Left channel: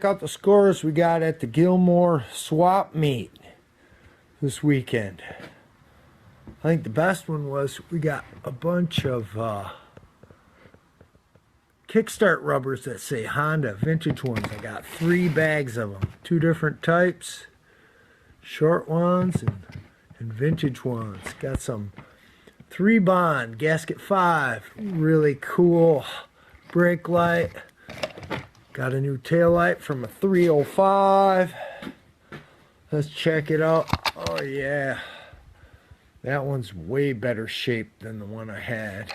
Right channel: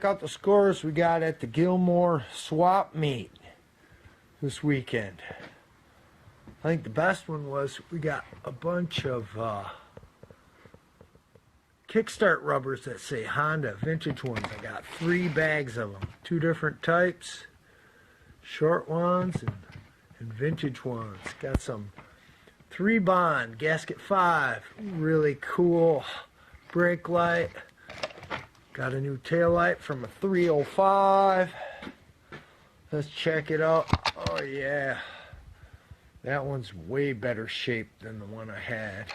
check out the scores we got at the Gilmore swap meet this weekend. I think the best one was we got a bunch of kickstart rubbers that say Honda, vintage ones. I got 3 bags of them, 2 different types, short ones and vintage ones. Got some 3 Bond, gasket 5, really cool brake light. Got a new tail light from a 305. Let's check it out. Oh yeah, that one's way better shape than the one I had.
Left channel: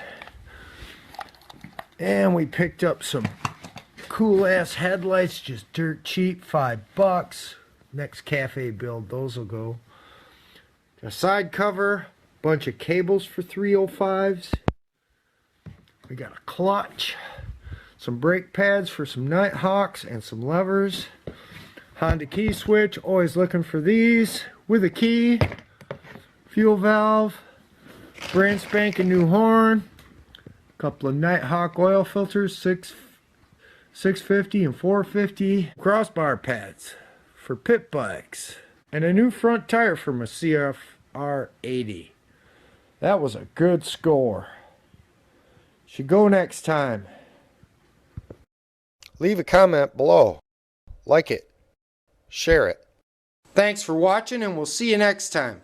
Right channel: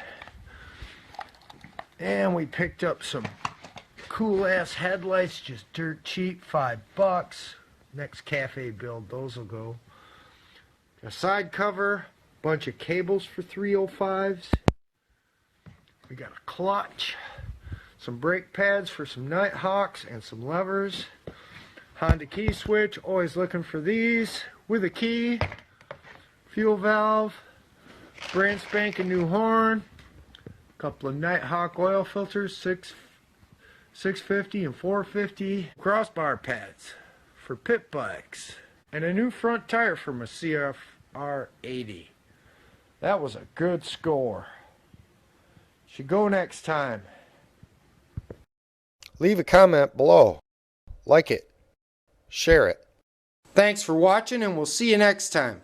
And we picked up some cool ass headlights, just dirt cheap, $5. Next cafe build, those will go. A side cover, bunch of cables for 305s. We got a clutch, some brake pads for some Nighthawks, and some levers. Honda key switch, always looking for these, with a key. Fuel valve, brand spanking new horn. Couple of Nighthawk oil filters, 650 and 450. Crossbar pads for pit bikes. And a new front tire from a CFR 80. That was a good score. Should go next time. Leave a comment below. Like it. Share it. Thanks for watching, and we'll see you next time.